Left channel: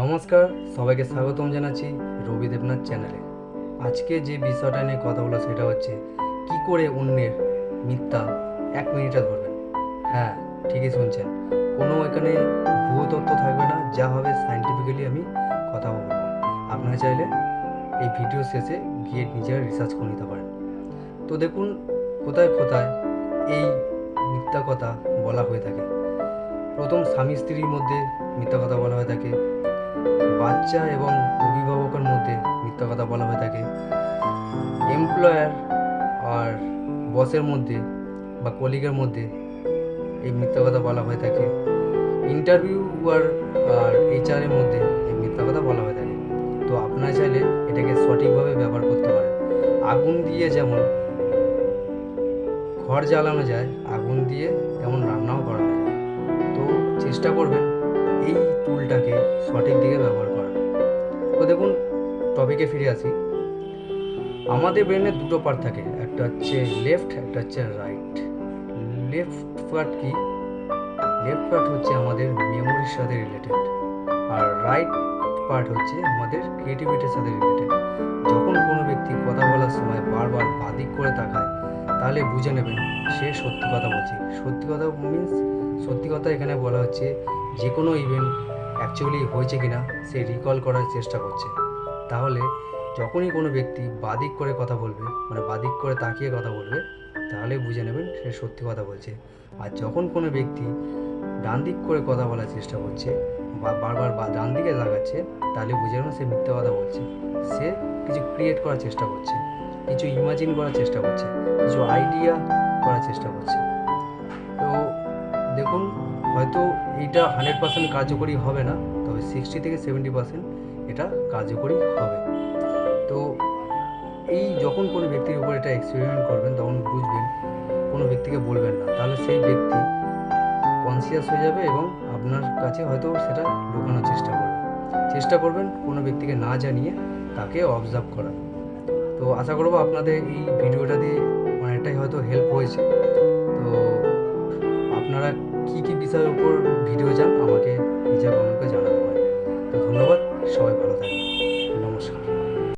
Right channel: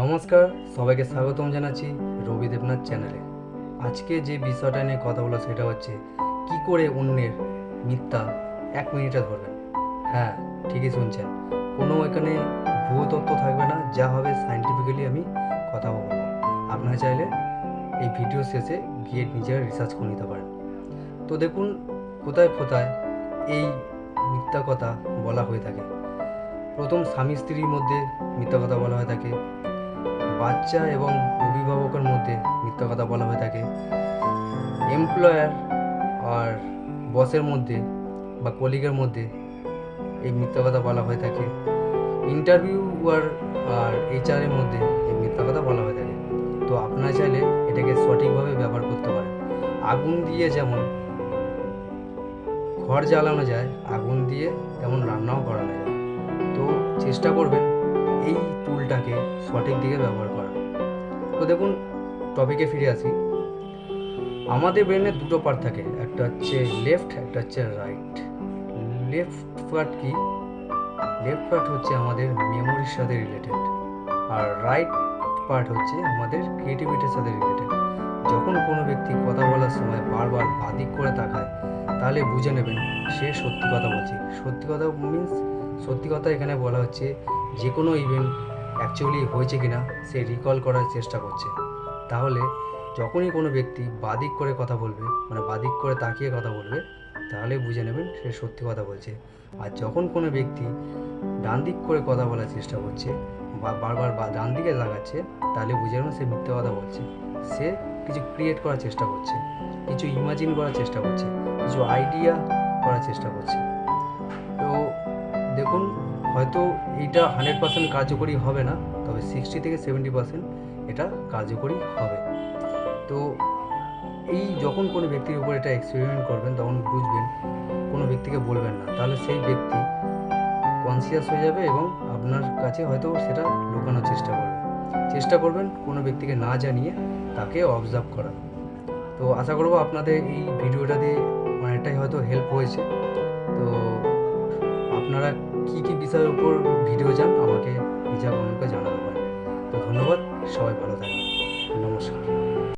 নমস্কার, সবাইকে স্বাগতম জানাচ্ছি রবি দেবনাথ চ্যানেলে। আজকে যে বিষয়টা নিয়ে কথা বলা সেটা হচ্ছে কি করে অন্যের মিথ্যা 1 মিনিটে ধরবেন। হ্যাঁ, ঠিকই শুনছেন, কোনো এখানে ভুয়ো তথ্য থাকবে না, যা হবে সায়েন্টিফিক্যালি আমি কথা বলবো। আপনারা চাইলে এই ভিডিও শেষে গিয়ে নিজেরা রিসার্চ করে নিতে পারেন। তো দেখুন, কোথায় কোথায় এই মিথ্যা কথা বলা হয়ে থাকে। প্রথম, স্বামী স্ত্রীর মধ্যে মিথ্যা কথা বলা হয়ে থাকে, বাচ্চা এবং অভিভাবকের মধ্যে মিথ্যা কথা বলা হয়ে থাকে, এমপ্লয়ার আর বসের মধ্যে বা কলিগের মধ্যে এই মিথ্যা কথা বলা হয়ে থাকে, ইন্টারভিউয়ার আর এইচআরের মধ্যে এই মিথ্যা কথা বলা হয়ে থাকে। তো আপনারা চাইলে এটাকে সঠিকভাবে ব্যবহার করতে পারেন। আগুন দিয়ে যেমন ঘর জ্বালানো যায়, আগুন দিয়ে তেমন রান্নাও করানো যায়। তো চেষ্টা করবেন এই টুলটাকে সঠিক দিকে ব্যবহার করার। তো দেখুন, টপিকে ফিরে আসি। আমাদের ব্রেনে দুটো পার্ট থাকে, একটা হচ্ছে লেফট, একটা হচ্ছে রাইট। লেফট পার্ট কি? লেফট পার্ট হচ্ছে আমাদের মেমোরির সাথে রিলেটেড, আর রাইট পার্ট হচ্ছে আমাদের ক্রিয়েটিভিটির সাথে রিলেটেড। যখন কোনো ব্যক্তি কথা বলার সময় বারবার বাদিক করে তাকায়, তাহলে বুঝে নেবেন সে সত্যি কথা বলছে। সত্যি কথা মিন্স, সত্যি কথা এখানে বলা হচ্ছে যে কোনো ইভেন্ট অ্যাকচুয়ালি হয়েছে কিনা সে রিকল করার চেষ্টা করছে। তাহলে যখনই কোনো ব্যক্তি বাদিক করে কথা বলবে, মানে বাদিক করে তাকিয়ে কথা বলবে, তাহলে বুঝে নেবেন সে সত্যি কথা বলছে। আর যখন কোনো ব্যক্তি ডান দিক করে কথা বলার চেষ্টা করছে বা বারবার ডান দিকে লাগাচ্ছে, তাহলে বুঝে নেবেন সে মিথ্যা কথা বলছে। সে কিছু ক্রিয়েট করার চেষ্টা করছে, কিছু ইমাজিন করার চেষ্টা করছে, কিছু আইডিয়া করার চেষ্টা করছে। তো দেখুন, হয়তো এইটা 100% কার্যকরী হবে না, তবে 60 থেকে 70% এটা কার্যকরী হবে। তো এই যখন কোনো ব্যক্তির উপর এটা এক্সপেরিমেন্ট করবেন, তখন বুঝবেন, কোনো ব্যক্তিকে বলবেন না, তাহলে সেই ব্যক্তি কনসিয়াস হয়ে যাবে এবং আপনার কাছে হয়তো সেটা লুকানোর চেষ্টা করবেন কোনো ব্যক্তিকে না জানিয়ে তাকে অবজার্ভ করা। তো আশা করব আপনাদের এই ভিডিওটা দিয়ে অনেকটাই হয়তো হেল্প হয়েছে। তো আপনারা কী কী বিষয়ের উপর ভিডিও চান আমাকে নিজের কমেন্ট করে জানাতে পারেন। তো ধন্যবাদ, সবাই ভালো থাকবেন, নমস্কার।